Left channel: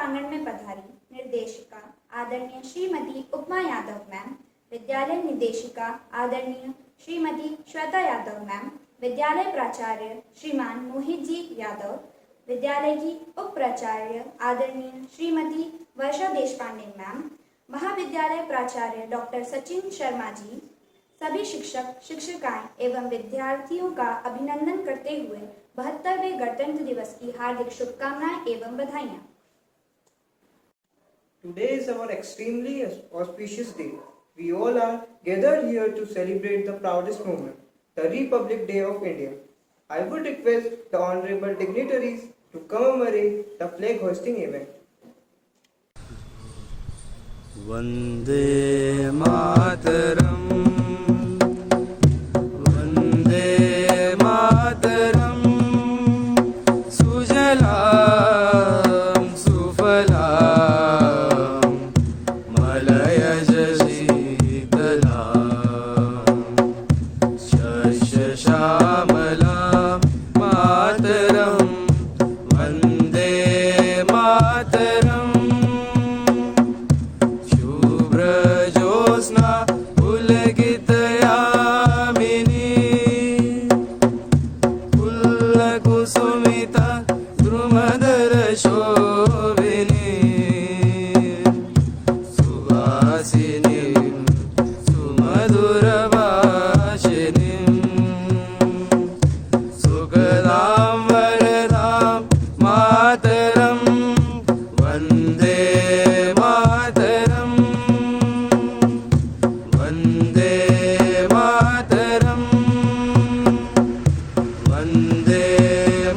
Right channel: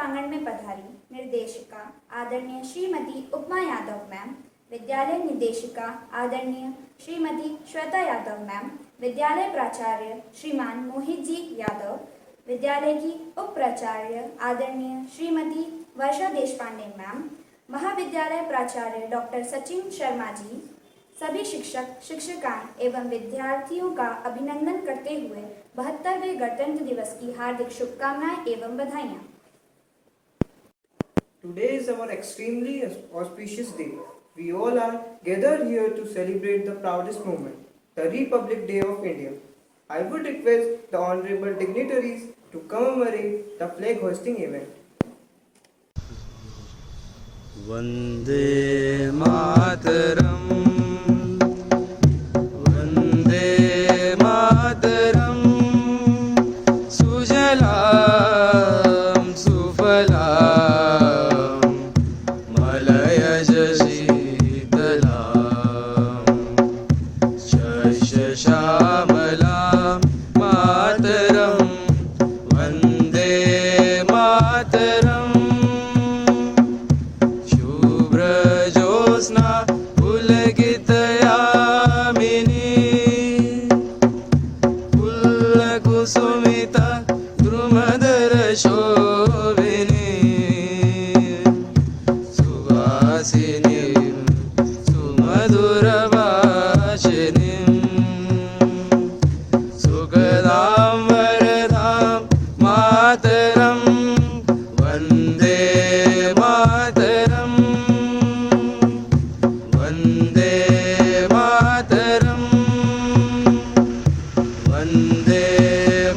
प्रांगण में पधारी निर्देशिका आदरणीय श्रीमती उपमा यादव मैम, विद्यालय निदेशिका आदरणीय श्रीमती श्वेता यादव मैम, विद्यालय प्राचार्य श्रीमान मोहित जी यादव, विद्यालय की उप प्राचार्य आदरणीय श्रीमती वर्षा देशपांडे मैम, महाविद्यालय प्राचार्य डॉक्टर सचिन शर्मा जी, सभी शिक्षक शिक्षिकाएं एवं विद्यार्थियों का अभिनंदन करते हुए 72वें गणतंत्र दिवस की हार्दिक शुभकामनाएं एवं बधाइयां। Today is our extremely auspicious day. We all are gathered here to celebrate the proudest moment, the Republic Day of India. I would request the honorable dignitaries to commemorate the flag hoisting event. Vande Mataram, Vande Mataram, Sujalam Sufalam, Malayaj Shitalam, Shashashamalam Mataram, Vande Mataram. Josna Pulagitayamini Pullakusumita Drumadara Shovini Suvasinim Sumaduravashinim Sukadam Varadam Mataram Vande Mataram Vande Mataram, Vande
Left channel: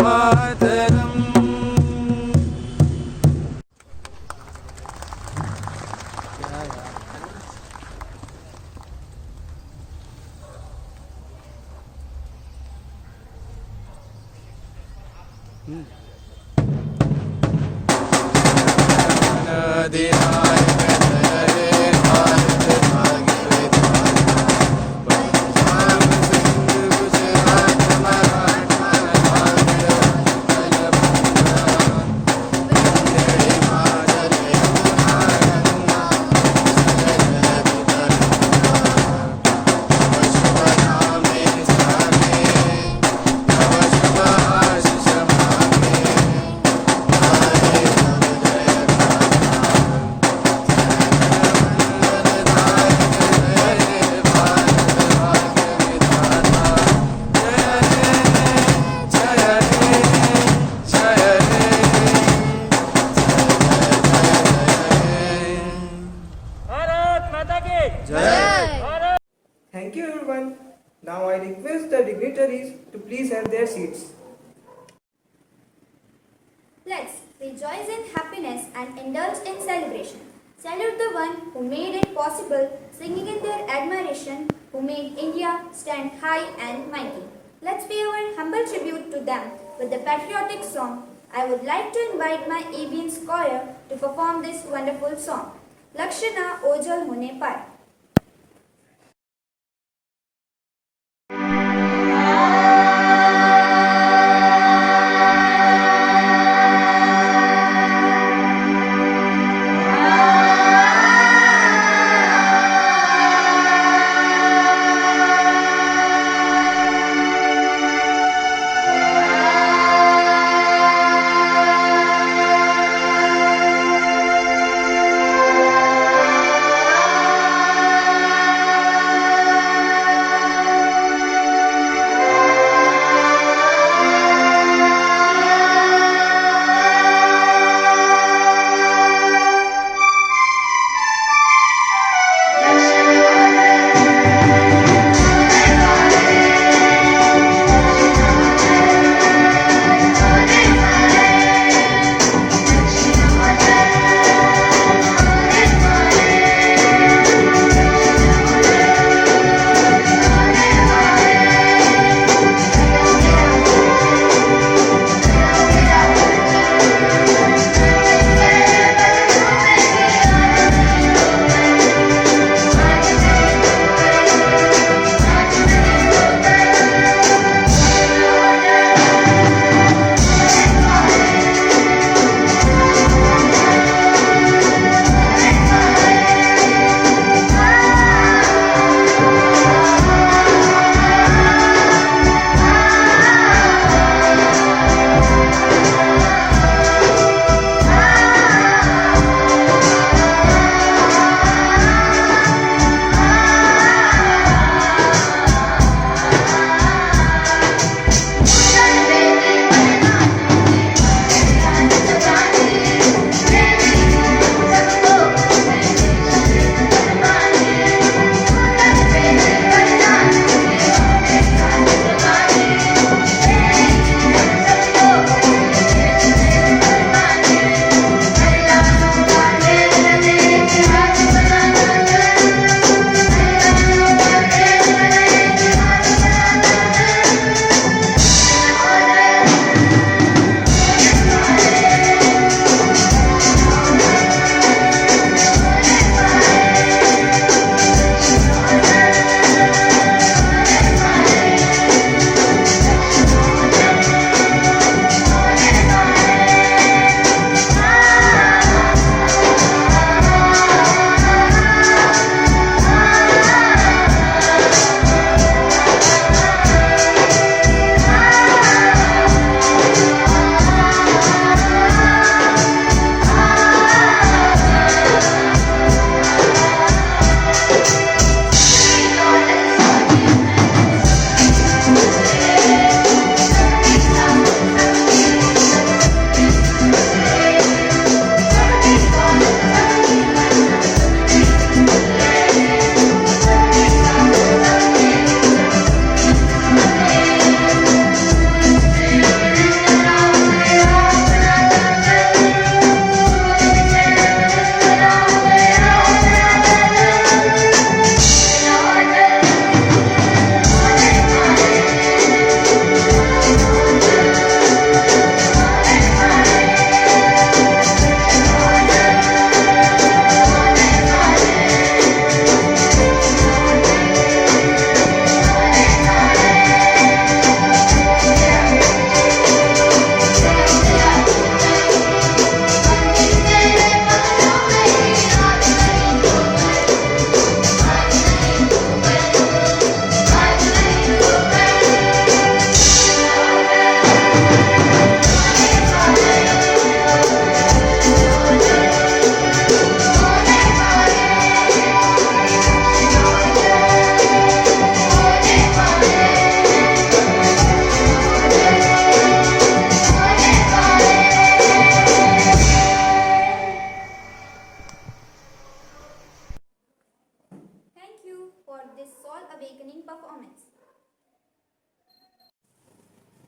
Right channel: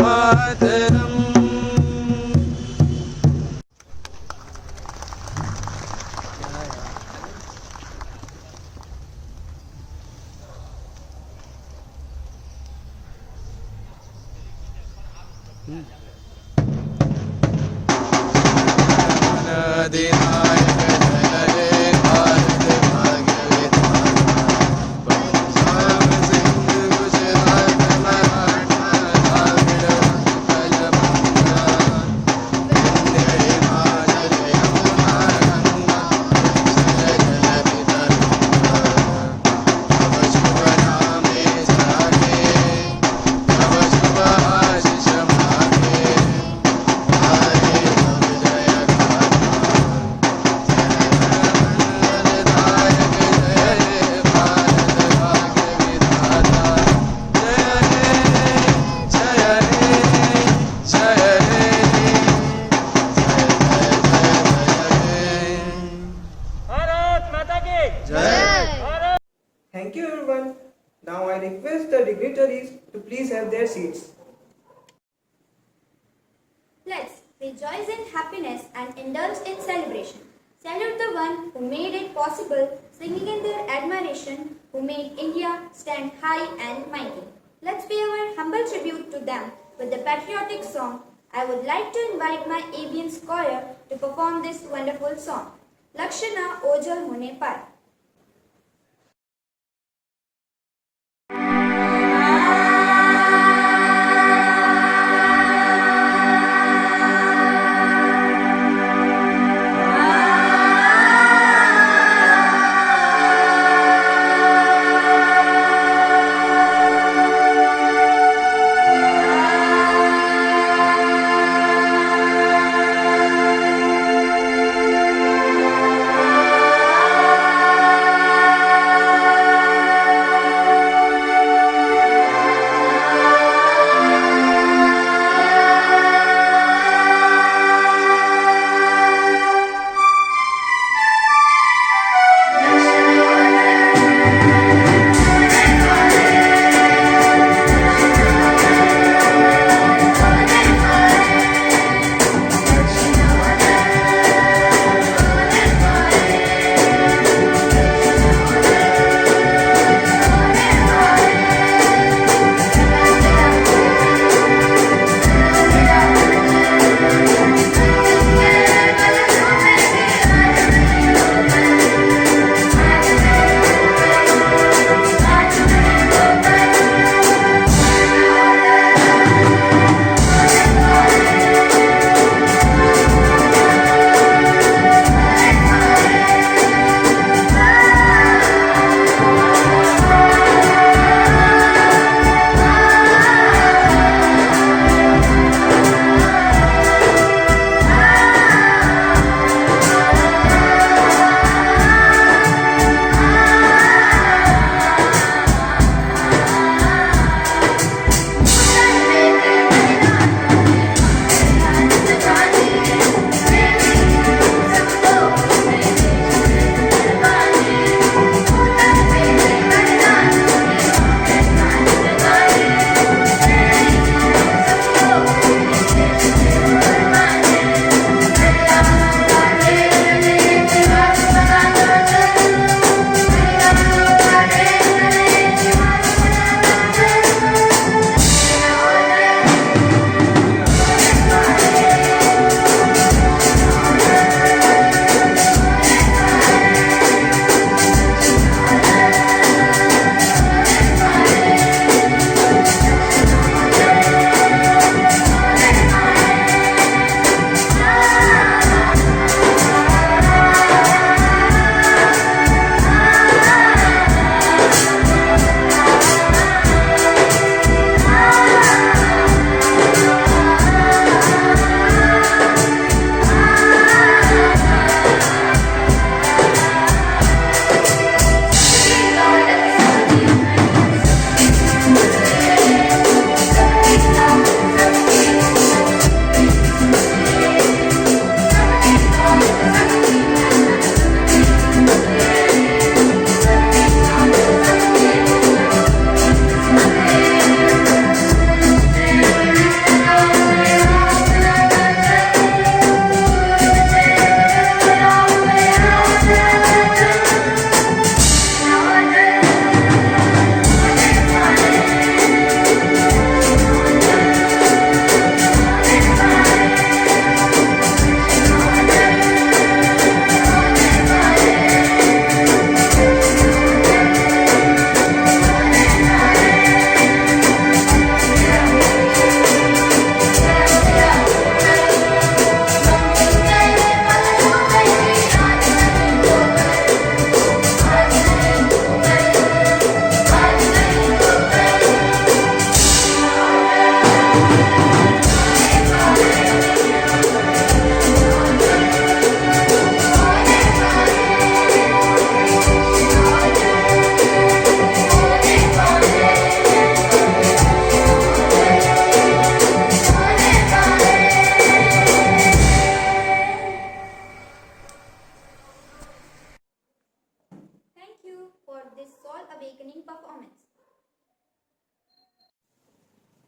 Mataram. Thank you everyone. Now I request the dignitaries to please have their seats. Let's rejoice in happiness and indulge in celebration. Salute the one who made it possible, singing in their admiration, who made India stand high and mighty. Let's pay our humble tribute to them with the patriotic song. I would like to invite my Avians choir to perform this wonderful song. Lakshana Ojal Hone Pai.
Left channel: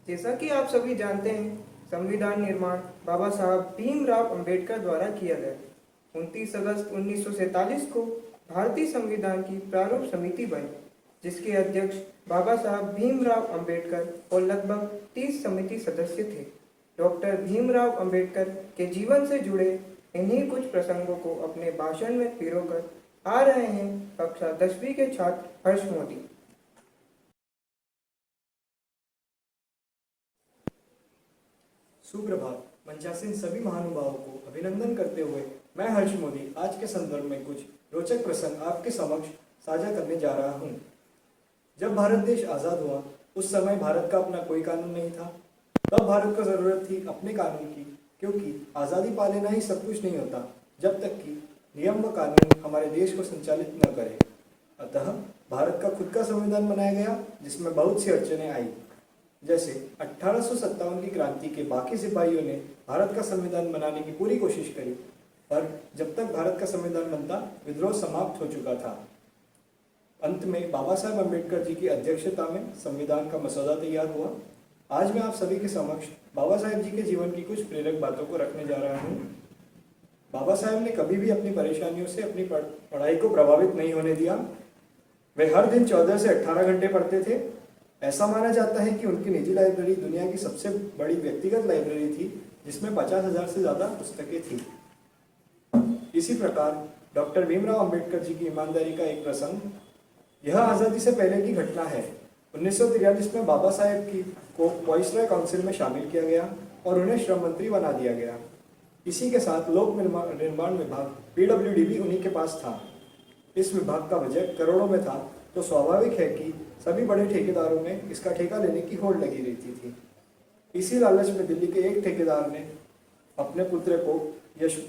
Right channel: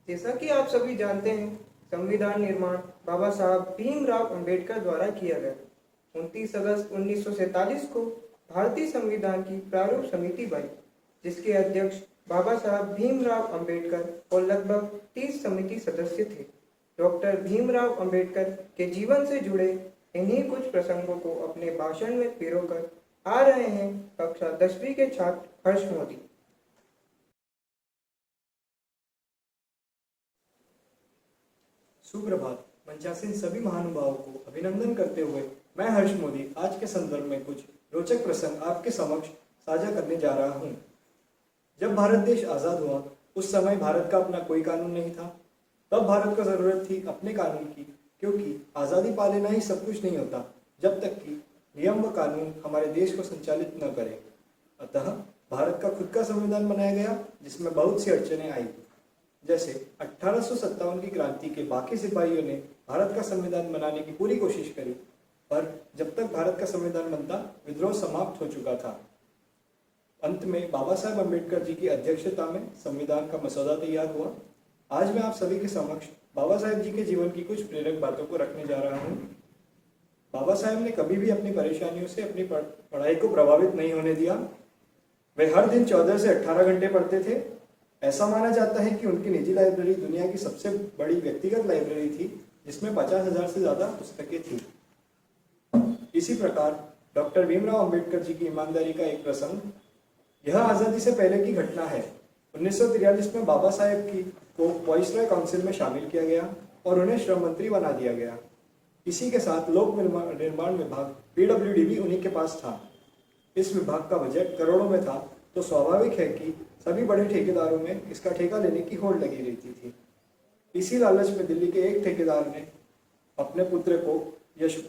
जैसा कि आप सभी जानते हैं, संविधान निर्माण बाबा साहब भीमराव अंबेडकर द्वारा किया गया। 29 अगस्त 1947 को भारतीय संविधान की प्रारूप समिति बनी, जिसके अध्यक्ष बाबा साहब भीमराव अंबेडकर और लगभग 30 समिति सदस्य थे। डॉक्टर भीमराव अंबेडकर के जीवन से जुड़े इन्हीं कुछ प्रसंगों को अपने भाषण में पिरोकर आ रहे हैं कक्षा 10वीं के छात्र हर्ष मोदी। सुप्रभात। मंचासीन सभी महानुभावों को अभिनंदन करते हुए मैं हर्ष मोदी आज के संदर्भ में कुछ रोचक प्रसंग आपके समक्ष साझा करने जा रहा हूँ। जब भारत देश आज़ाद हुआ उस समय भारत का अपना कोई कानून नहीं था। तब भारत को ज़रूरत थी अपने कानून की, क्योंकि आज़ादी पा लेना ही सब कुछ नहीं होता जब तक कि नियम व कानून हमारे देश को संचालित न करे। अतः भारत का खुद का संविधान बनाया गया, जिसमें बहुत सी अड़चनें आई। जैसे 1857 की क्रांति के बाकी सिपाहियों ने भारत का संविधान बनाने की पूरी कोशिश करी, पर जब तक भारत का संविधान बनता विद्रोह समाप्त हो चुका था। अंत में बाबा साहेब अम्बेडकर जी की अध्यक्षता में संविधान का मसौदा तैयार हुआ। आज मैं आप सभी के समक्ष बाबा साहेब जी के जीवन की कुछ प्रेरक बातों को रखने जा रहा हूँ। बाबा साहेब ने कभी भी अपनी परेशानियों से अपनी पढ़ाई को प्रभावित नहीं होने दिया। वे हर दिन 14 से 18 घंटे पढ़ते थे। ऐसा माना जाता है कि उनकी निजी लाइब्रेरी दुनिया की सबसे बड़ी व्यक्तिगत लाइब्रेरी थी, जिसमें 50,000 से ज़्यादा पुस्तकें थी। इसी प्रकार डॉक्टर भीमराव अंबेडकर जी की ईमानदारी का एक प्रसंग, यह आज़ादी से पहले की घटना है। 1943 में बाबा साहेब को वाइसरॉय काउंसिल में शामिल किया गया और उन्हें श्रम मंत्री बना दिया गया। इसी के साथ लोक निर्माण विभाग PWD भी उन्हीं के पास था। इस विभाग का बजट करोड़ों में था, तो स्वाभाविक है कि सभी बड़े ठेकेदारों में इसका ठेका लेने की होड़ लगी रहती थी। इसी लालच में दिल्ली के एक ठेकेदार ने अपने पुत्र को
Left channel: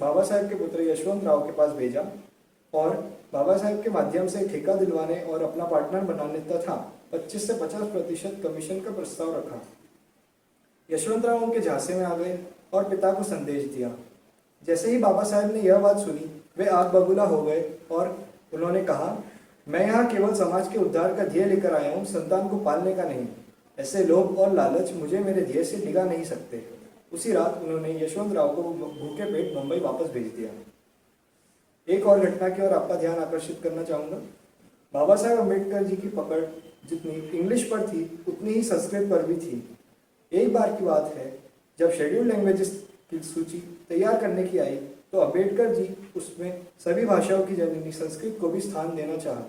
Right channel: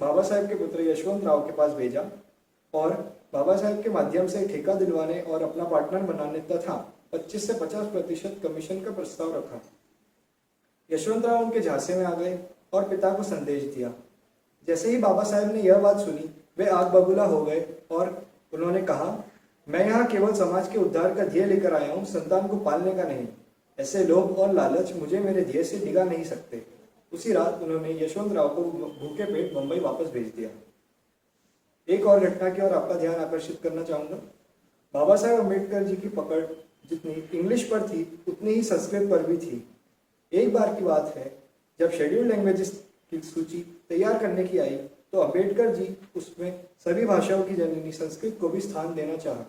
बाबा साहेब के पुत्र यशवंत राव के पास भेजा और बाबा साहेब के माध्यम से ठेका दिलवाने और अपना पार्टनर बनाने तथा 25 से 50% कमीशन का प्रस्ताव रखा। यशवंत राव उनके झांसे में आ गए और पिता को संदेश दिया। जैसे ही बाबा साहेब ने यह बात सुनी, वे आग बबूला हो गए और उन्होंने कहा, मैं यहाँ केवल समाज के उद्धार का ध्येय लेकर आया हूँ, संतान को पालने का नहीं। ऐसे लोभ और लालच मुझे मेरे ध्येय से डिगा नहीं सकते। उसी रात उन्होंने यशवंत राव को भूखे पेट मुंबई वापस भेज दिया। एक और घटना की ओर आपका ध्यान आकर्षित करना चाहूँगा। बाबा साहेब अम्बेडकर जी की पकड़ जितनी इंग्लिश पर थी, उतनी ही संस्कृत पर भी थी। एक बार की बात है, जब शेड्यूल्ड लैंग्वेजेस की सूची तैयार करने की आई, तो अम्बेडकर जी उसमें सभी भाषाओं की जननी संस्कृत को भी स्थान देना चाहा,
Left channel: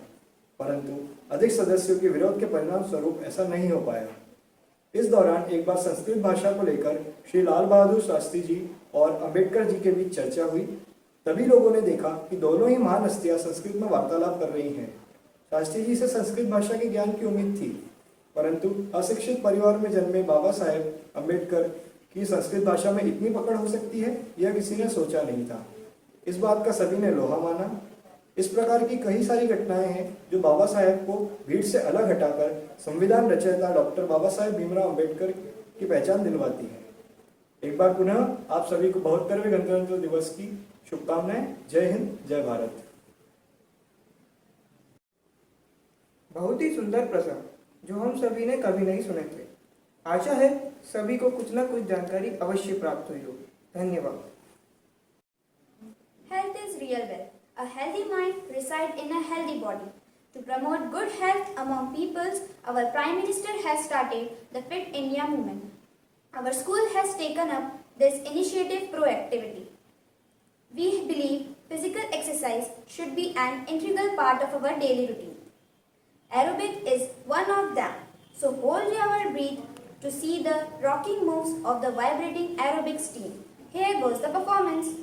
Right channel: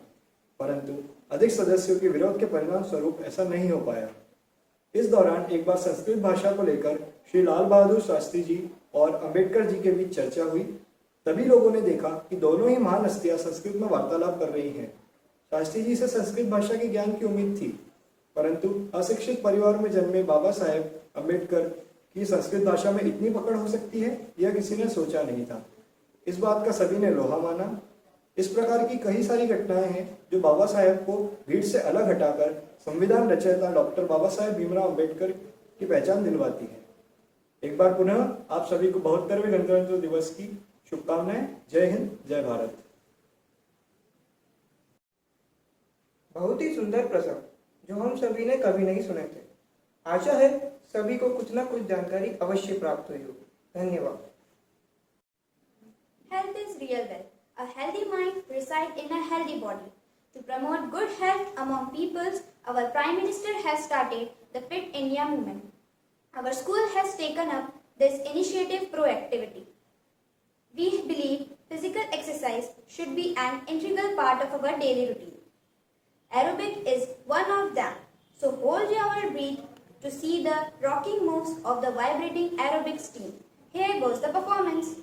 परंतु अधिक सदस्यों के विरोध के परिणाम स्वरूप ऐसा नहीं हो पाया। इस दौरान एक बार संस्कृत भाषा को लेकर श्री लाल बहादुर शास्त्री जी और अम्बेडकर जी के बीच चर्चा हुई। तभी लोगों ने देखा कि दोनों ही महान हस्तियां संस्कृत में वार्तालाप कर रही हैं। शास्त्री जी से संस्कृत भाषा के ज्ञान की उम्मीद थी, परंतु अशिक्षित परिवार में जन्मे बाबा साहेब अम्बेडकर की संस्कृत भाषा में इतनी पकड़ हो सकती है, यह किसी ने सोचा नहीं था। इस बात का सभी ने लोहा माना। इस प्रकार की कई सारी घटनाएं हैं जो बाबा साहेब को भीड़ से अलग हटाकर संविधान रचयिता डॉक्टर बाबा साहेब भीमराव अम्बेडकर की पहचान दिलवाती है। एक बार पुनः आप सभी को 72वें गणतंत्र दिवस की शुभकामनाएं। जय हिंद, जय भारत। बहुत ही सुंदर प्रसंग जो हम सभी ने कभी नहीं सुने थे। आशा है सभी को कुछ न कुछ जानकारी अवश्य प्राप्त हुई होगी। धन्यवाद। Health is real wealth. A healthy mind resides in a healthy body. To promote good health among peoples, our Prime Minister has started the Fit India movement. Our school has taken up this initiative proactively. We believe physical exercise should be an integral part of our daily routine. Aerobic is one of them. So hold your breath to see the rocking moves of the vibrating aerobics team. Here goes the performance.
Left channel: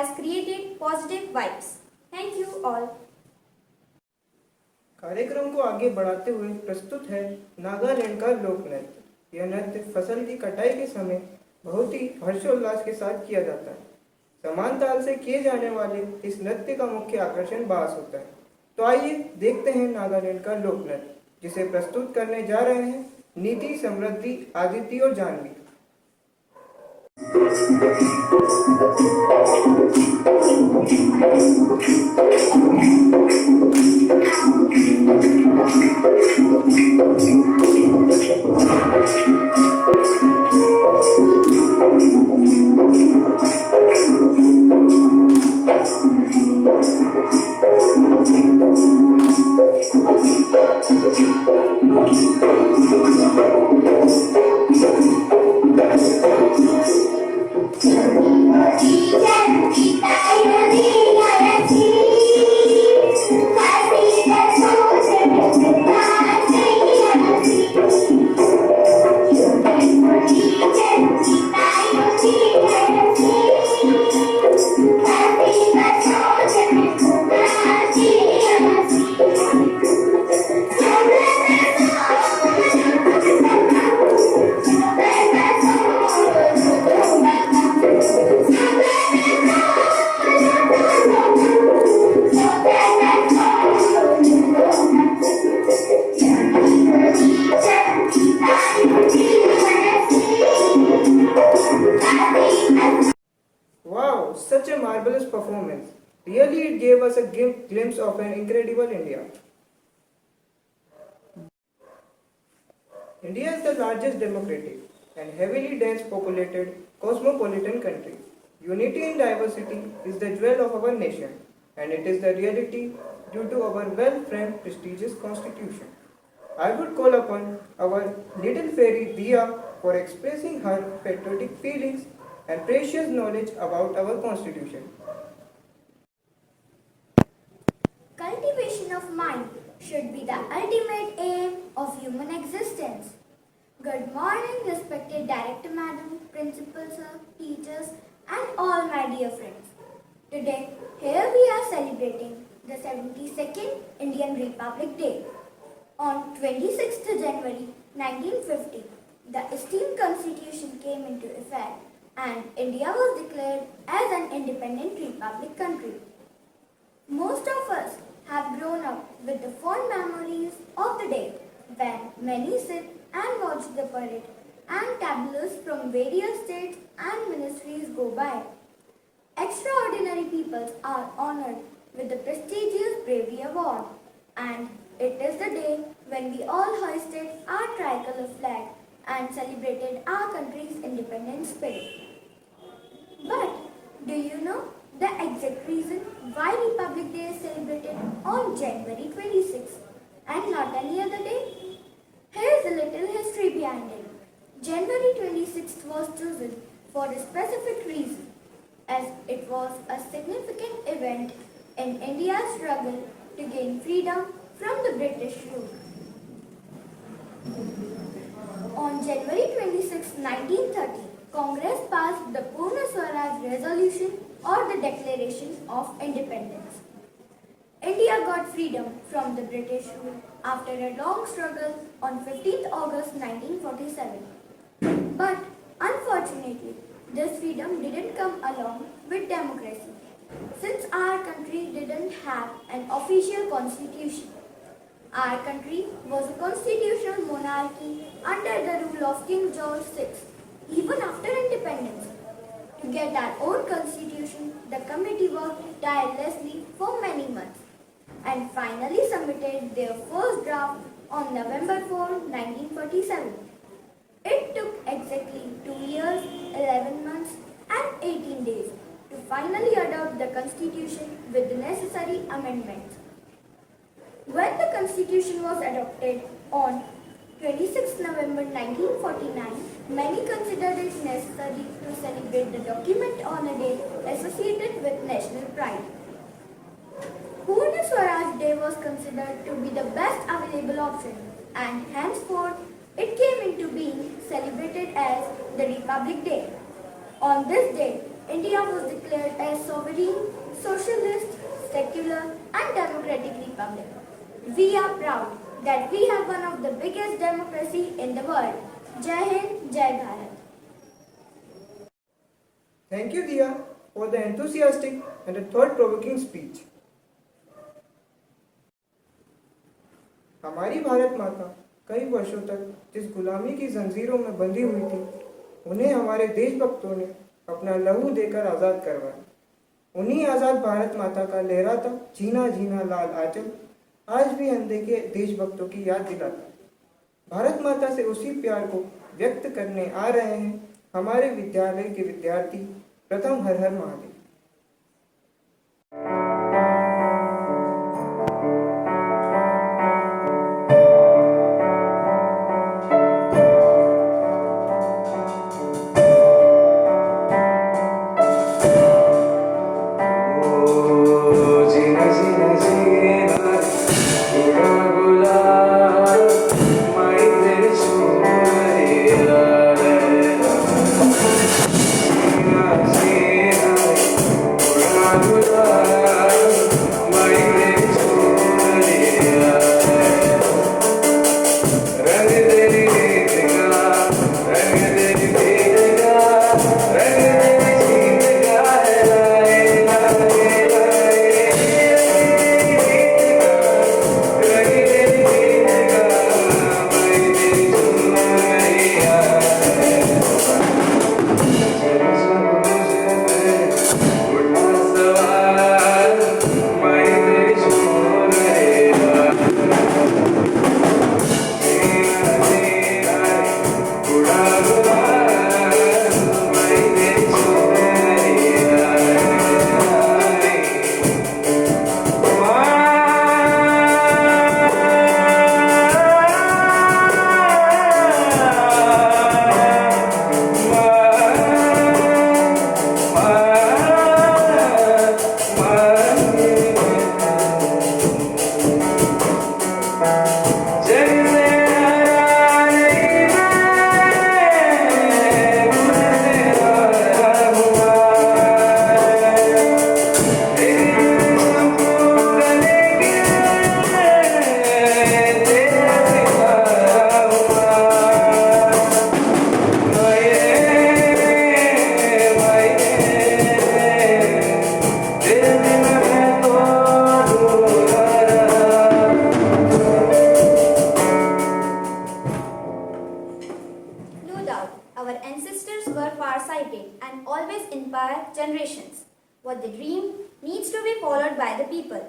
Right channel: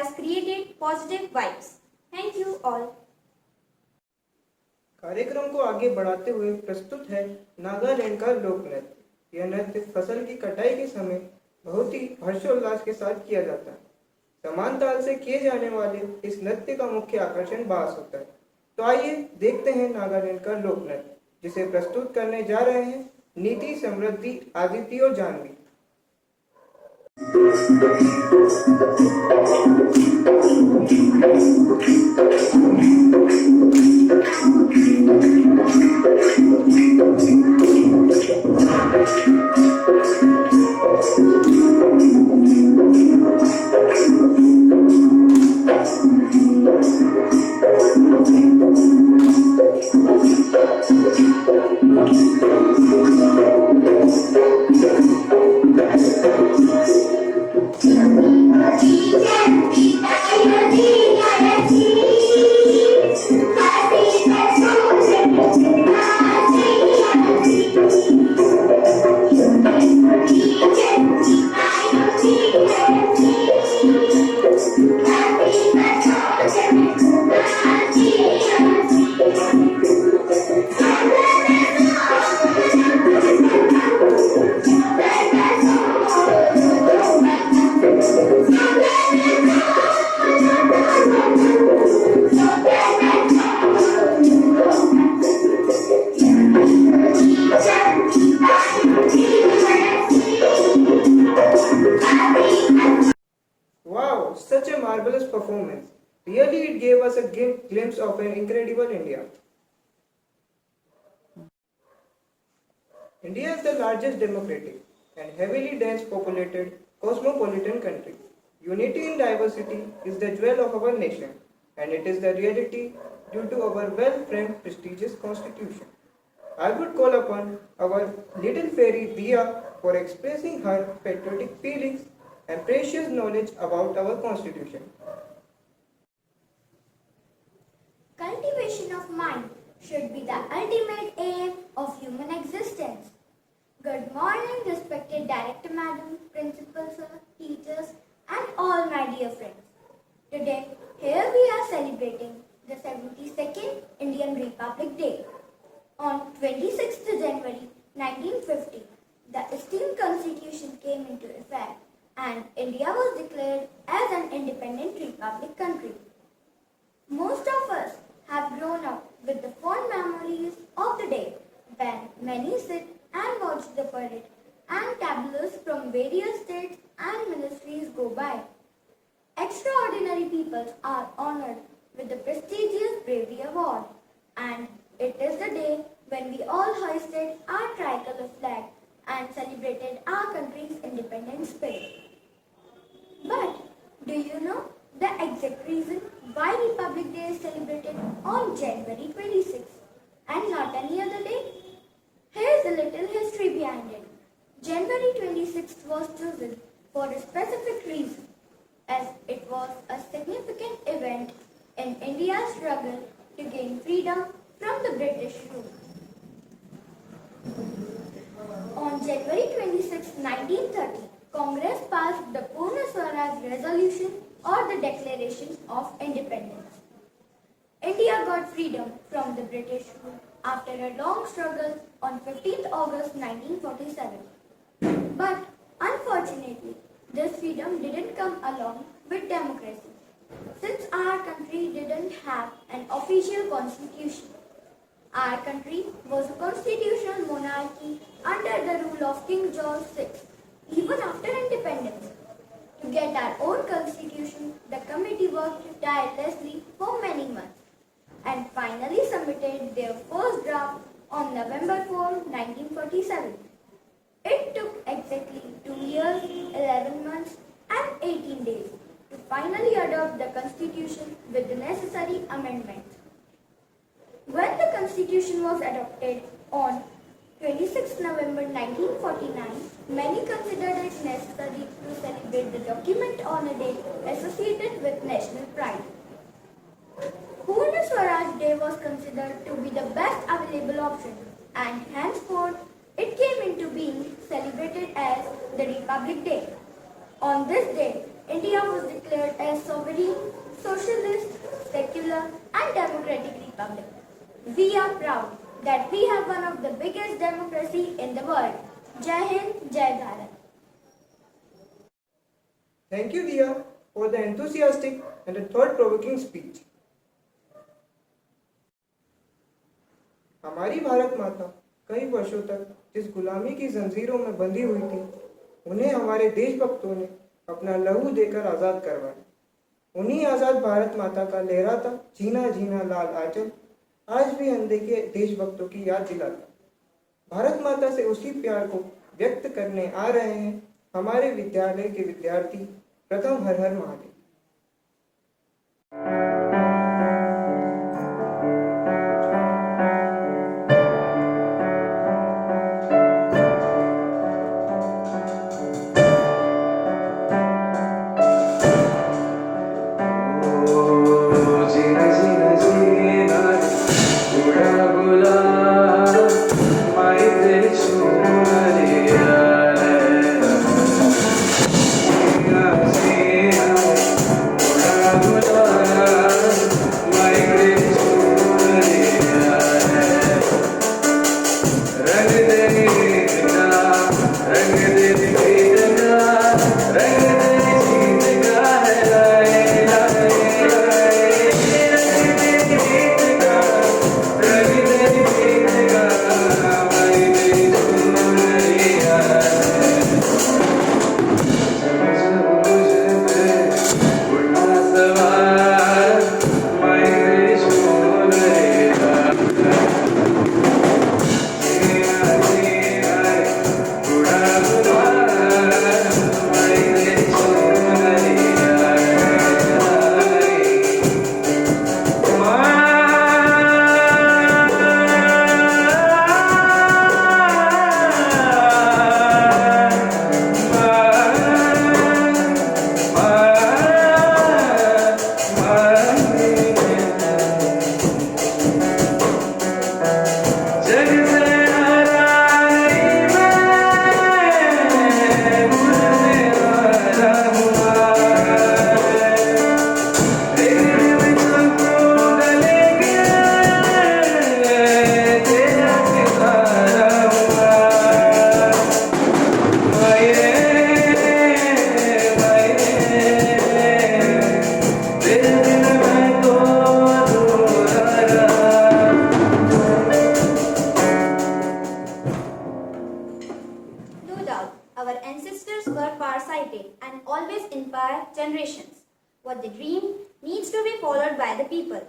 has created positive vibes. Thank you all. कार्यक्रम को आगे बढ़ाते हुए प्रस्तुत है नागालैंड का लोक नृत्य। यह नृत्य फसल की कटाई के समय बहुत ही हर्षोल्लास के साथ किया जाता है। समान ताल से किए जाने वाले इस नृत्य का मुख्य आकर्षण बांस होता है। तो आइए देखते हैं नागालैंड का लोक नृत्य, जिसे प्रस्तुत करने जा रहे हैं नीति, समृद्धि, आदिति और Janvi. Wow, such a marvelous performance. Really, it gave us a glimpse of an incredible India. India is the largest democratic and heavily dense populated cosmopolitan country. Unity in diversity is the jewel of our nation, and it is the reality due to our well-framed, prestigious constitution. I would call upon our little fairy Dia for expressing her patriotic feelings and precious knowledge about our constitution. Cultivation of mind should be the ultimate aim of human existence. Good morning, respected Director Madam, Principal Sir, teachers, and all my dear friends. Today, here we are celebrating the 72nd Indian Republic Day. On 26th January 1950, the esteemed Constitution came into effect and India was declared as an independent republic country. Most of us have grown up with the fond memories of the day when many sit and watch the parade and tableaus from various states and ministries go by. Extraordinary peoples are honored with the prestigious Bravery Award, and it is the day when we all hoisted our tricolor flag and celebrated our country's independent spirit. But do you know the exact reason why Republic Day is celebrated on January 26th and not any other day? Here's a little history behind it. January 26th was chosen for a specific reason, as it was a significant event in India's struggle to gain freedom from the British rule. On January 26, 1930, Congress passed the Purna Swaraj Resolution or the Declaration of Independence. India got freedom from the British rule after a long struggle on 15th August 1947. But unfortunately, this freedom didn't come along with democracy, since our country didn't have an official constitution. Our country was a constitutional monarchy under the rule of King George VI, even after independence. To get our own constitution, the committee worked tirelessly for many months and finally submitted their first draft on November 4, 1947. It took exactly 2 years, 11 months and 18 days to finally adopt the constitution with the necessary amendments. When the constitution was adopted on 26 November 1949, many considered it necessary to celebrate the document on a day associated with national pride. Purna Swaraj Day was considered to be the best available option, and henceforth it came into being celebrated as the Republic Day. On this day, India was declared a sovereign, socialist, secular, and democratic republic. We are proud that we have one of the biggest democracy in the world. Jai Hind, Jai Bharat. Thank you, Diya, for the enthusiastic and a thought-provoking speech. हमारी भारत माता कई वर्षों तक जिस गुलामी की जंजीरों में बंधी हुई थी, उन्हें हमारे देशभक्तों ने अपना लहू देकर आज़ाद करवाया। उन्हीं आज़ाद भारत माता का लहराता जीना जीना लाल आंचल आज भी अनदेखे देशभक्तों की याद दिलाता। भारत माता से उसी प्यार को व्यक्त करने आ रहे हैं हमारे विद्यालय के विद्यार्थी प्रथम हर हर Mahadev. Our ancestors were far-sighted and always inspire generations. What they dream needs to be followed by the people.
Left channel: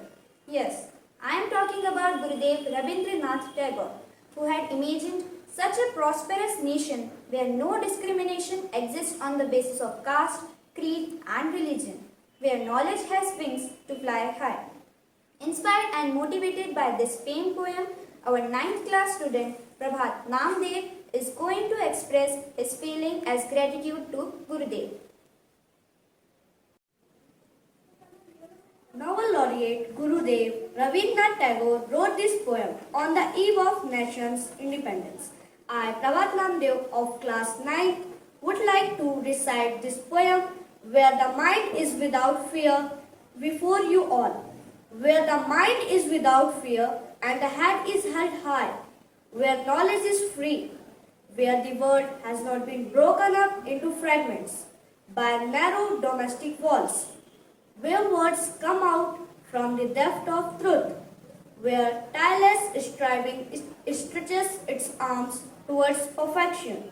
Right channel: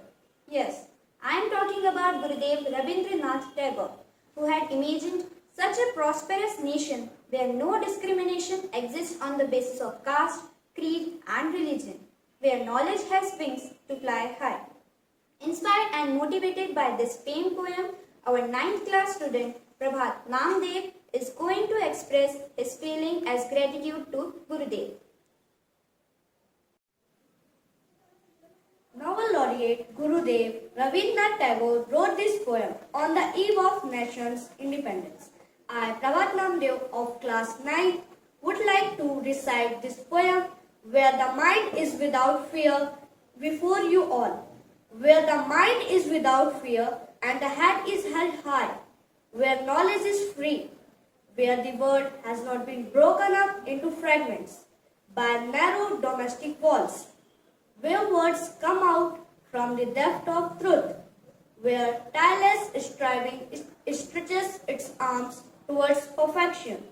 Yes, I am talking about Gurudev Rabindranath Tagore, who had imagined such a prosperous nation where no discrimination exists on the basis of caste, creed and religion, where knowledge has wings to fly high. Inspired and motivated by this famed poem, our 9th class student Prabhat Namdev is going to express his feeling as gratitude to Gurudev. Novel laureate Gurudev Rabindranath Tagore wrote this poem on the eve of nation's independence. I, Prabhat Namdev of class 9, would like to recite this poem where the mind is without fear before you all, where the mind is without fear and the head is held high, where knowledge is free, where the world has not been broken up into fragments by narrow domestic walls, where words come out from the depth of truth, where tireless striving stretches its arms towards perfection,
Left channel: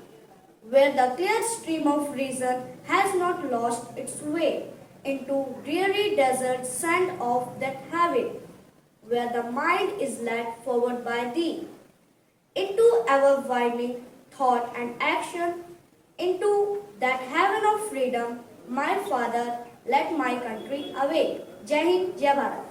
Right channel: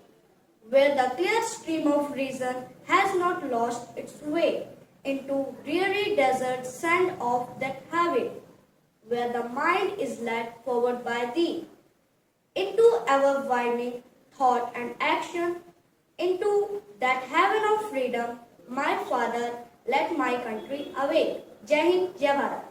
where the clear stream of reason has not lost its way into dreary desert sand of that habit, where the mind is led forward by thee, into ever widening thought and action, into that heaven of freedom, my Father, let my country awake. जय हिंद, जय भारत।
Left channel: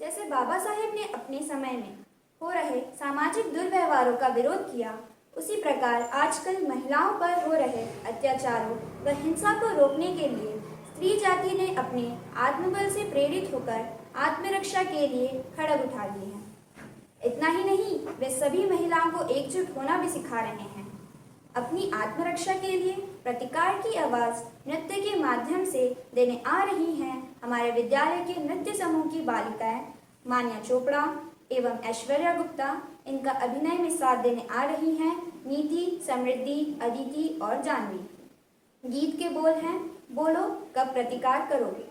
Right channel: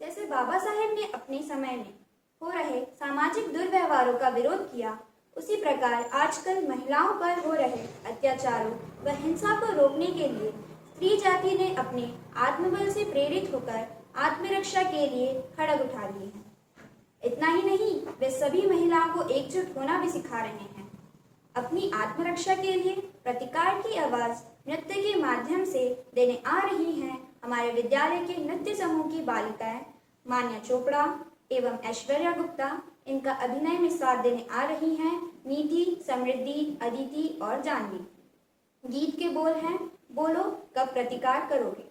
जैसे बाबा साहेब ने अपने समय में हो रहे सामाजिक दुर्व्यवहारों का विरोध किया, उसी प्रकार आजकल महिलाओं पर हो रहे अत्याचारों व हिंसा को रोकने के लिए स्त्री जाति ने अपने आत्मबल से प्रेरित होकर आत्मरक्षा के लिए खड़ग उठा लिए हैं। इतना ही नहीं, वे सभी महिलाओं को एकजुट होना भी सिखा रहे हैं। अपनी आत्मरक्षा के लिए प्रतिकार की आवाज़ नृत्य के माध्यम से देने आ रही हैं हमारे विद्यालय के नृत्य समूह की बालिकाएं मान्या चोपड़ा एवं ऐश्वर्या गुप्ता। इनका अभिनय में साथ देने आ रही हैं नीति, समृद्धि, अदिति और जानवी। गीत के बोल हैं, बोलो कब प्रतिकार करोगे।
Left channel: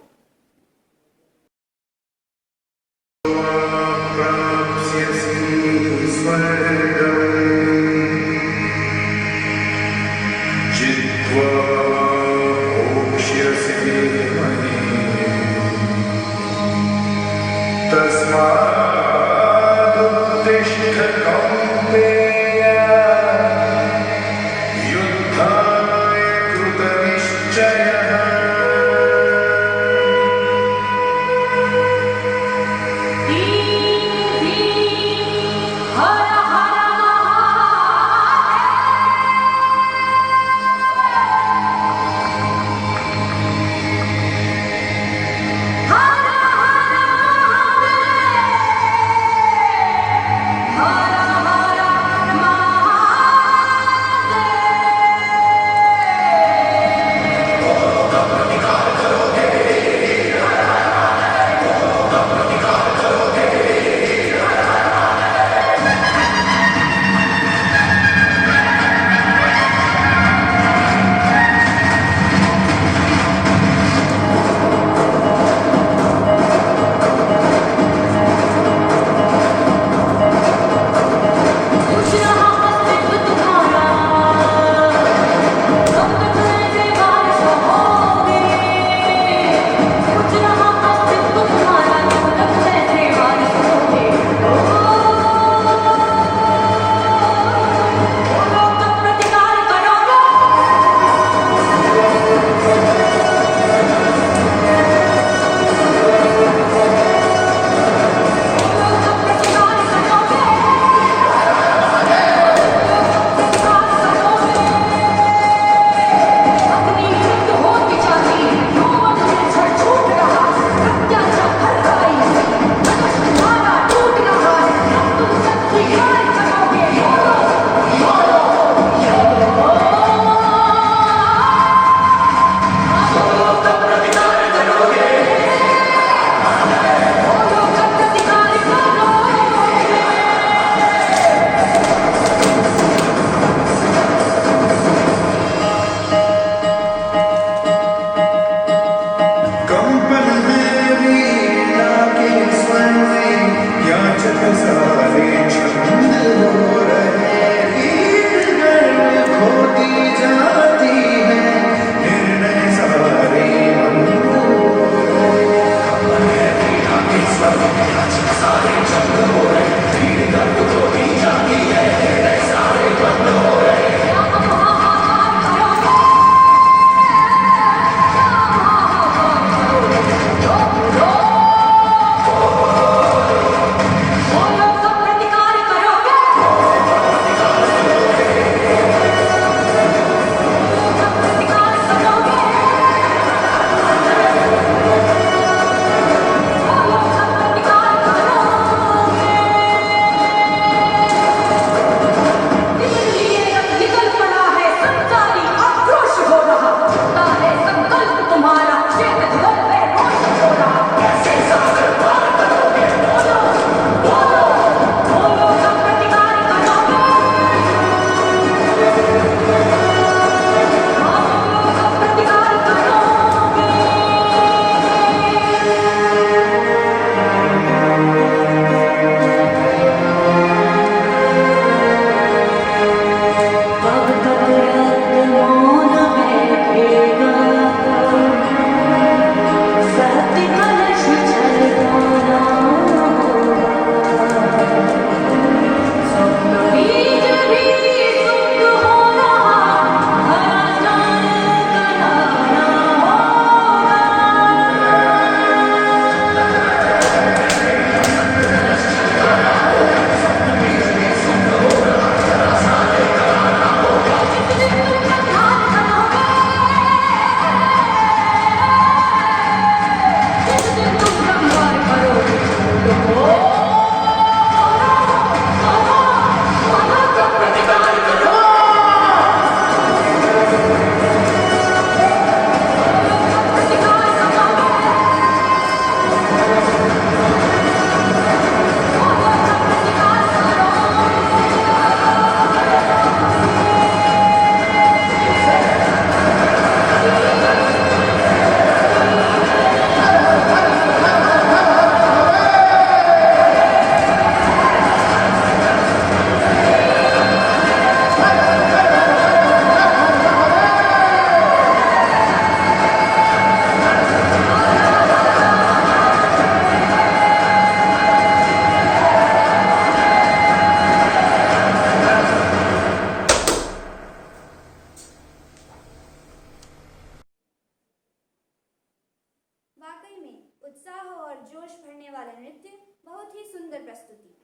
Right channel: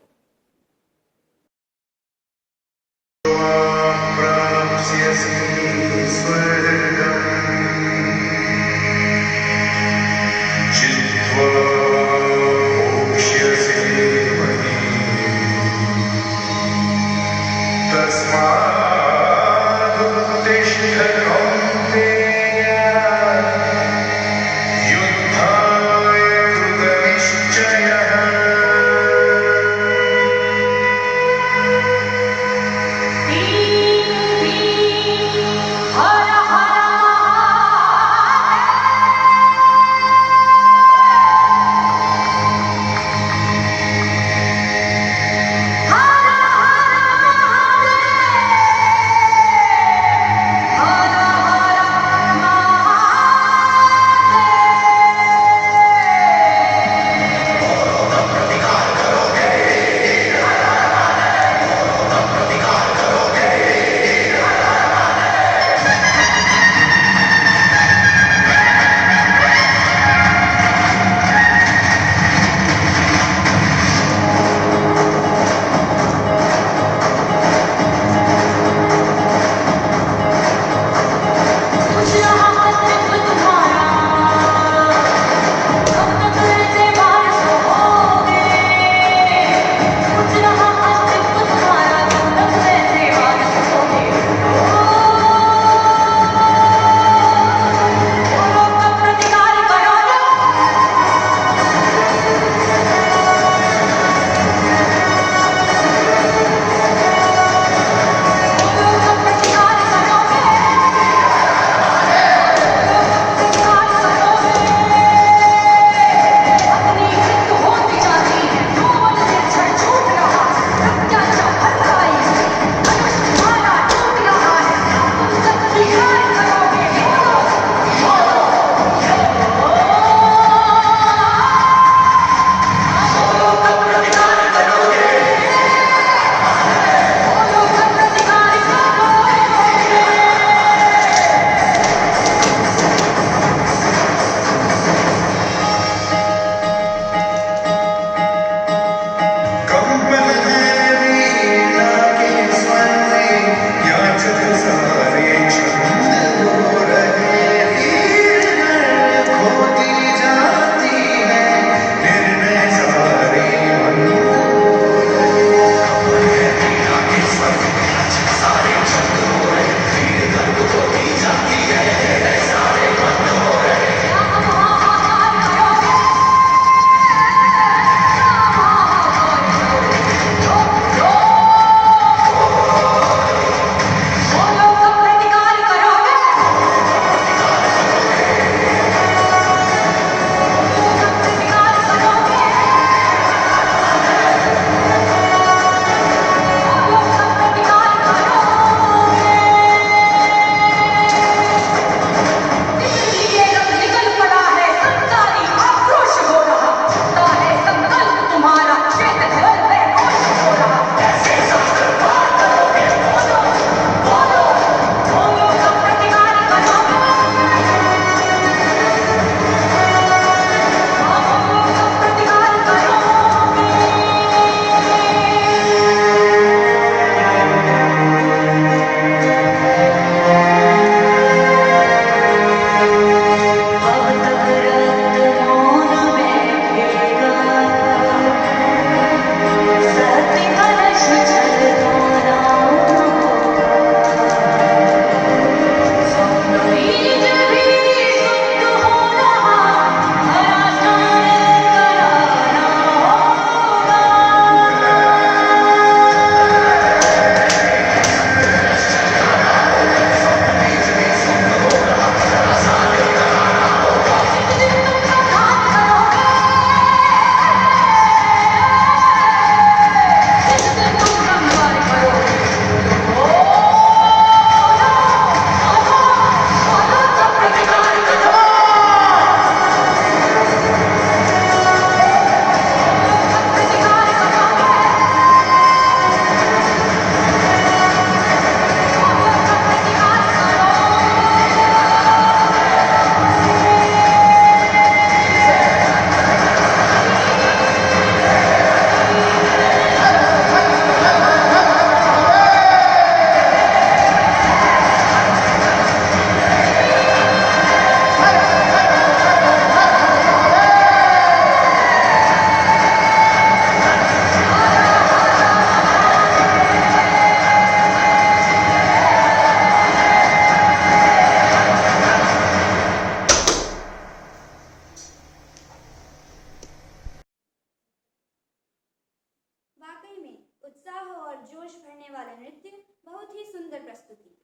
उत्साह और जोश भरने वाला नृत्य, बहुत ही सुंदर प्रस्तुति।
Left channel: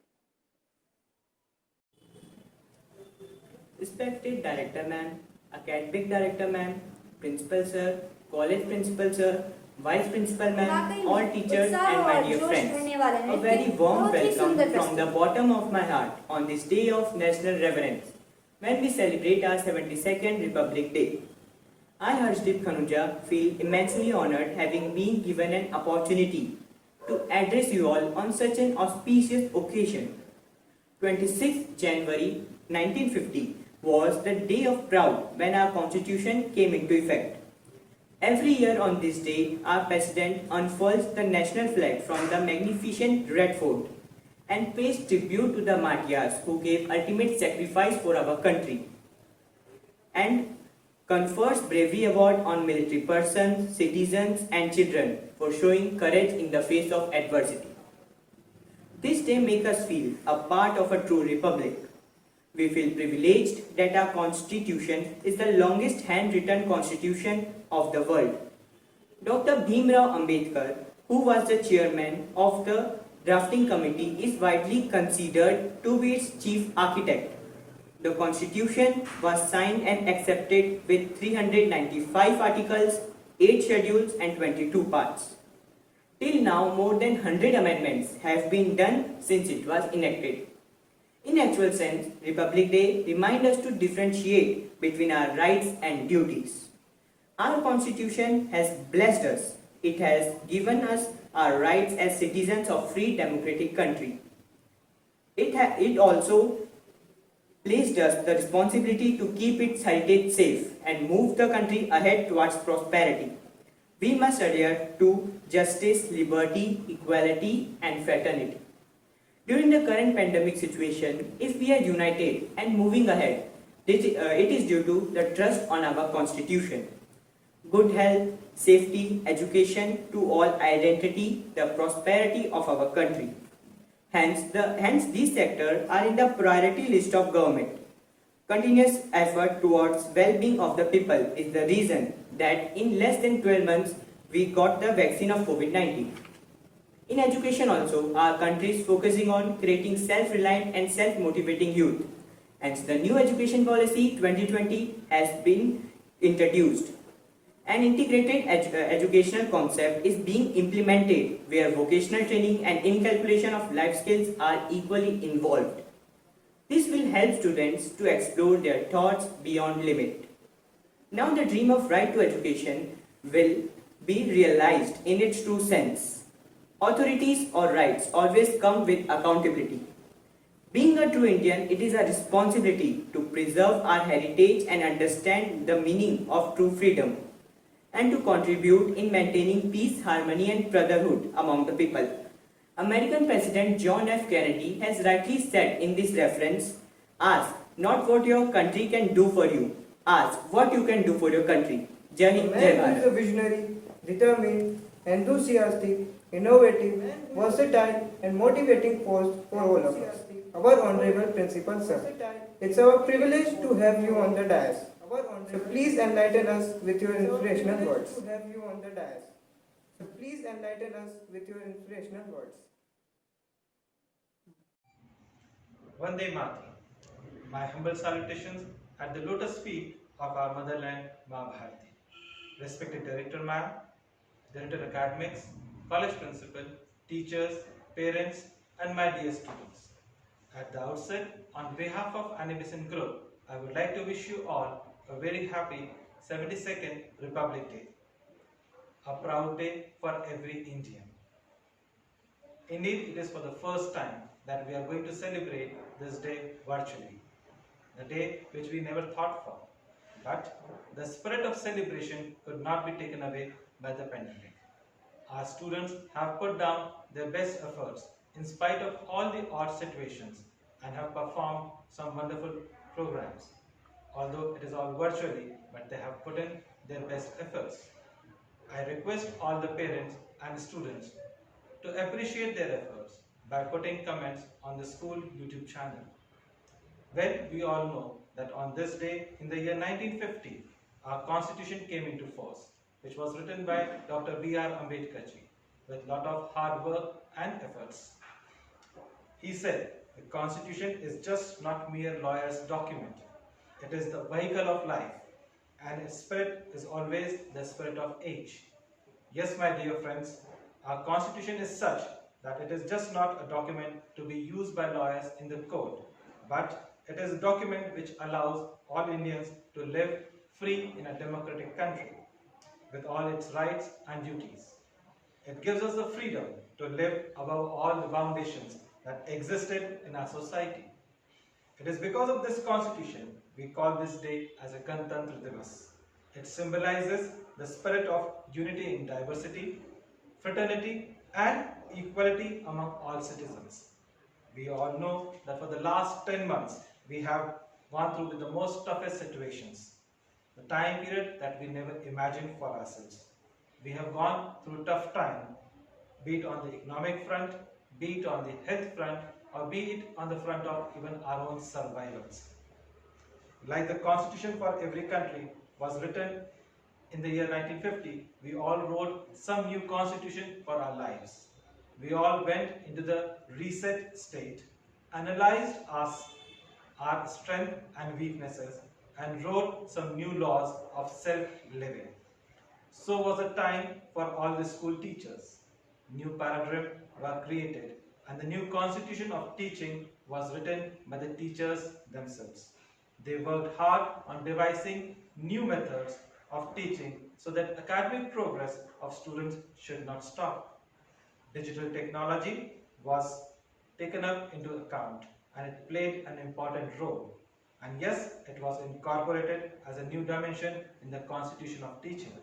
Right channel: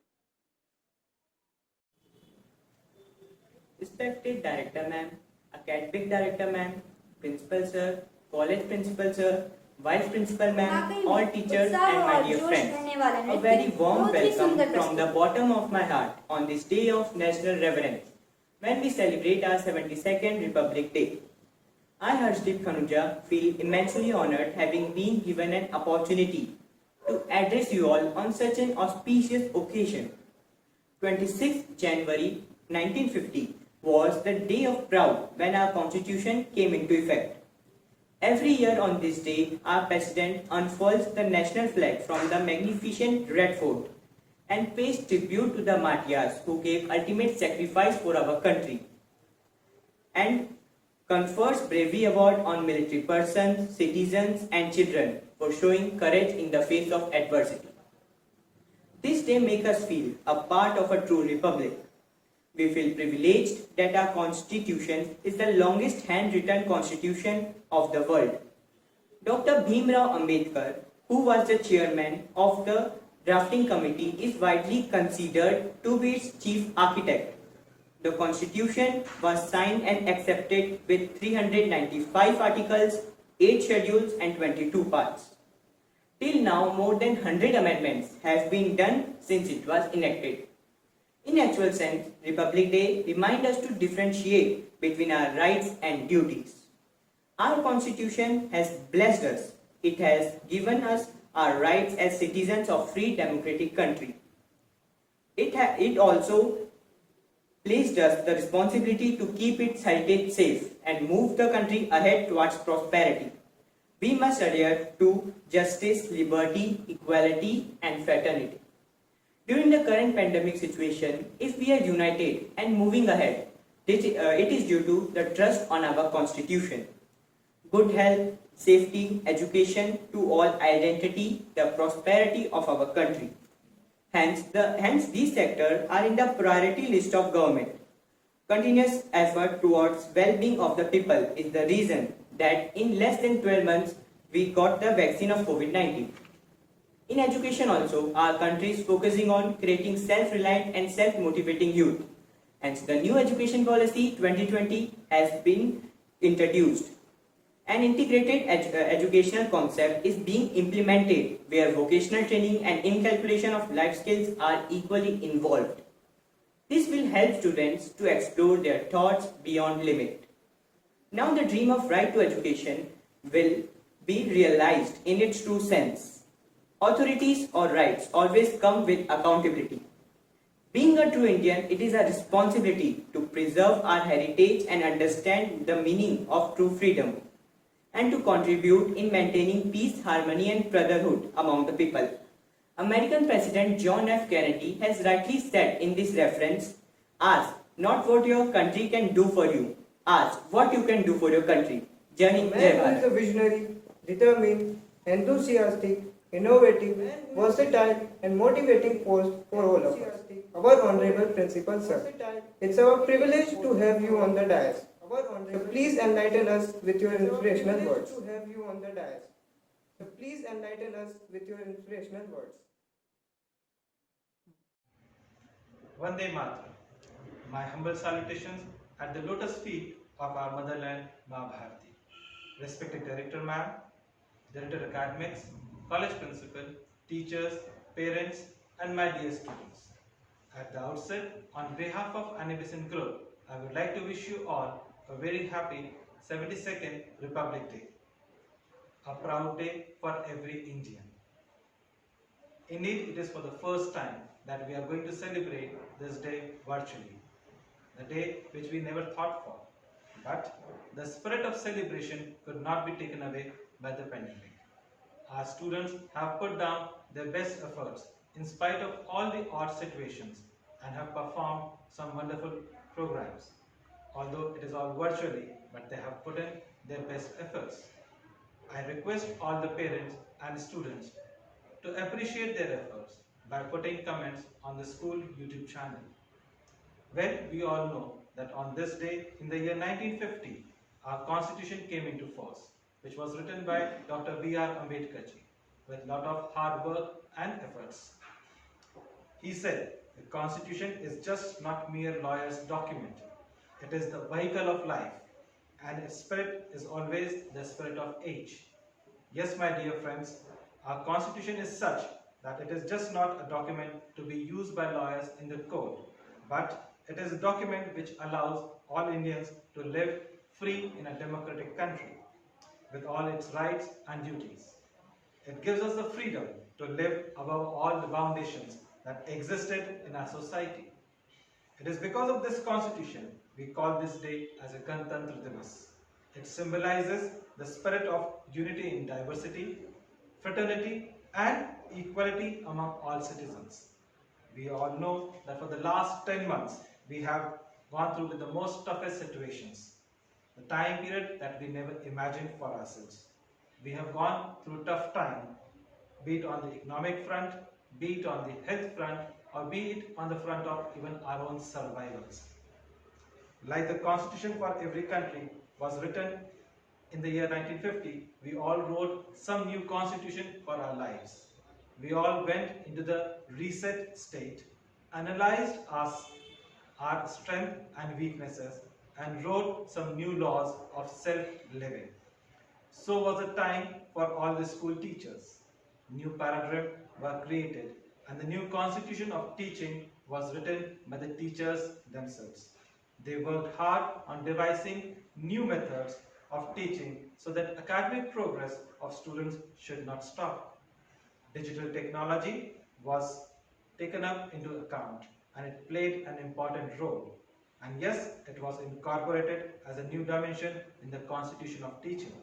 Respected Director Ma'am, Academic Director Ma'am, Principal Sir, College Principal Sir, Vice Principal Ma'am, वाकई में all teachers उत्साह and my और dear जोश friends, भरने वाला a नृत्य, very warm बहुत ही welcome सुंदर from the प्रस्तुति। bottom of my heart on this day of national reverence when we celebrate our 72nd Republic Day. I, Harshdeep Khanuja, feel immensely honored having been given an opportunity to address you all on such an auspicious occasion. 26th January 1950 was the day of proud when our constitution came into effect. Every year on this day, our president unfurls the national flag from the magnificent Red Fort and pays tribute to the martyrs who gave ultimate sacrifice for our country, and confers bravery award on military persons, citizens and children for showing courage in the face of adversity. This day makes us feel a part of a true republic. We feel privileged that our constitution is the longest handwritten constitution of the world. Dr. Bhimrao Ambedkar, who was the chairman of the drafting committee, is widely considered to be its chief architect. The constitution was signed and accepted with 395 articles, 8 schedules and 22 parts. Till now, more than 100 amendments have been done since it was enacted. In actual sense, Republic Day reminds us to differentiate between our rights and duties. Our constitution has blessed us. It has given us our rights as citizens of free democratic country. It also placed us the responsibility to keep its heritage safe and move the country ahead towards prosperity. We must adhere to justice, liberty, equality and fraternity. During the current pandemic situation, if we are united and moving ahead, it is due to the trust on our constitution. Good health, safety, education to all identity, the prosperity of our country. Hence these sectors are in the priority list of government. Continuous effort towards well-being of the people is the reason that in less than 12 months we got the vaccine of COVID-19. In education also, our country is focusing on creating self-reliant and self-motivating youth. Hence, the new education policy 2020 has been introduced. An integrated educational concept is being implemented where vocational training and inculcation of life skills are equally involved. This will help students to explore their thoughts beyond limit. Now the dream of right to education will be realized in its true sense. Authorities or rights always come with accountability. Being a true Indian, it is a responsibility to preserve our heritage and understand the meaning of true freedom, and to contribute in maintaining peace, harmony and brotherhood among the people. American President John F. Kennedy has rightly said in this reference, ask not what your country can do for you, ask what you can do for your country. Jai A Hind, man Jai who is a Bharat. visionary, determined, enthusiastic, innovative, versatile, and motivating force for all of us. Our Honorable Principal Sir, it's our privilege to have you on the dais. So please enlighten us with your inspirational words. So please enlighten us with your inspirational words. Vande Mataram. My humble salutations at the lotus feet of our motherland, Ma Bharati. Respected Director Ma'am, Director Academics, College Principal, teachers, parents, and my dear students. At the outset, on behalf of Annie Besant Group, I would like to wish you all a very happy 72nd Republic Day. A proud day for every Indian. Indeed, it is for the first time that we are going to celebrate this day virtually, the day which we never thought for. But the spirit of celebration could not be taken away by the pandemic. Our students have put down their best efforts in spite of all the odd situations and have performed some wonderful programs. Although it is all virtually, but they have put in their best efforts. I request all the parents and students to appreciate their efforts by putting comments on the school YouTube channel. Well, we all know that on this day in the year 1950, our constitution came into force, which was written by Dr. B.R. Ambedkar ji. with lot of hard work and efforts. He said, the Constitution is just not mere lawyer's document. It is the vehicle of life, and its spirit is always the spirit of age. Yes, my dear friends, our Constitution is such that it is just not a document to be used by lawyers in the court, but it is a document which allows all Indians to live free in a democratic country with all its rights and duties. It gives us the freedom to live above all the foundations that existed in our society. It is because of this constitution we call this day as a Ganatantra Divas. It symbolizes the spirit of unity in diversity, fraternity and equality among all citizens. We all know that for the last 10 months we have gone through with the most toughest situations, the time period that we never imagined for ourselves. We have gone through tough time, be it on the economic front, be it on the health front, or be it on the front of even our own survivals. Like the constitution for every country was written in the year 1950, we all wrote some new constitution for our lives. We all went into the reset state, analyzed our strength and weaknesses, and wrote some new laws of self-living. So was the time for all the school teachers. New paradigm were created and the new constitution of teaching was written by the teachers themselves. They worked hard on devising new methods of teaching so that academic progress of students should not stop. Digital technology was taken up into account and it played an important role. And yes, it was incorporated as a new dimension in the constitution of teaching.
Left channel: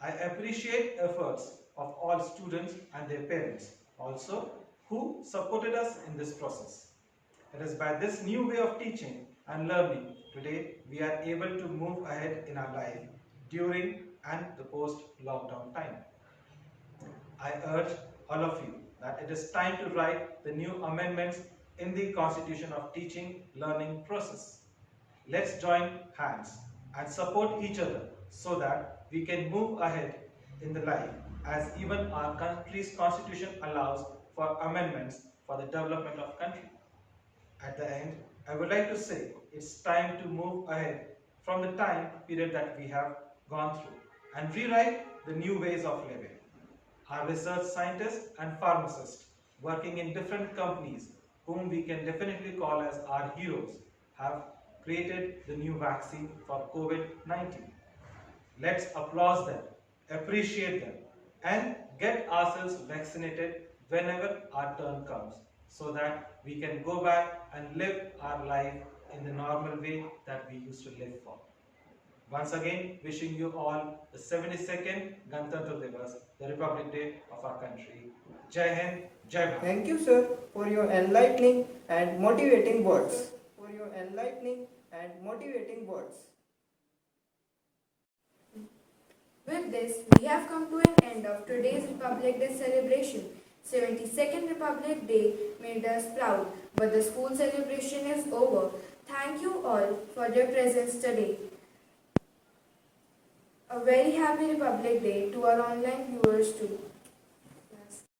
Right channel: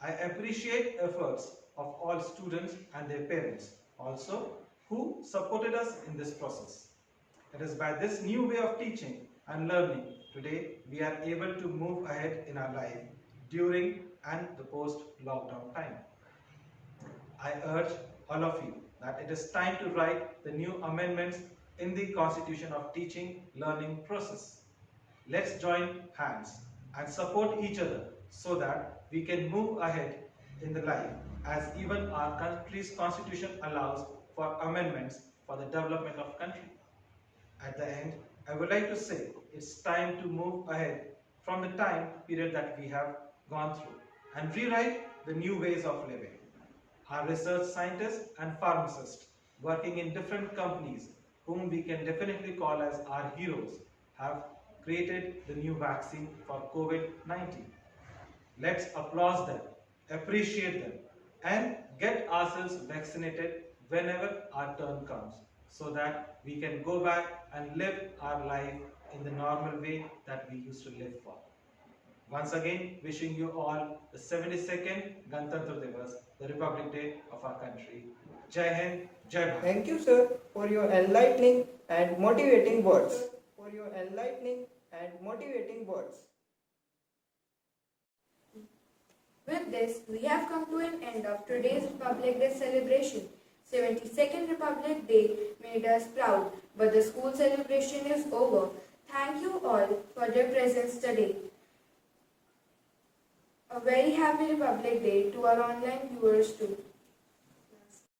I appreciate efforts of all students and their parents also who supported us in this process. It is by this new way of teaching and learning today we are able to move ahead in our life during and the post-lockdown time. I urge all of you that it is time to write the new amendments in the Constitution of Teaching Learning process. Let's join hands and support each other so that we can move ahead in the life as even our country's constitution allows for amendments for the development of country. At the end, I would like to say it's time to move ahead from the time period that we have gone through and rewrite the new ways of living. Our research scientists and pharmacists working in different companies whom we can definitely call as our heroes have created the new vaccine for COVID-19. Let's applaud them, appreciate them and get ourselves vaccinated whenever our turn comes so that we can go back and live our life in the normal way that we used to live for. Once again, wishing you all the 72nd Ganatantra Divas, the Republic Day of our country. Jai Hind, Jai Bharat. Thank you, sir, for your enlightening and motivating words. With this, we have come to an end of today's Republic Day celebration. 72nd Republic Day made us proud, but the school celebration is over. Thank you all for your presence today. A very happy Republic Day to our online viewers too.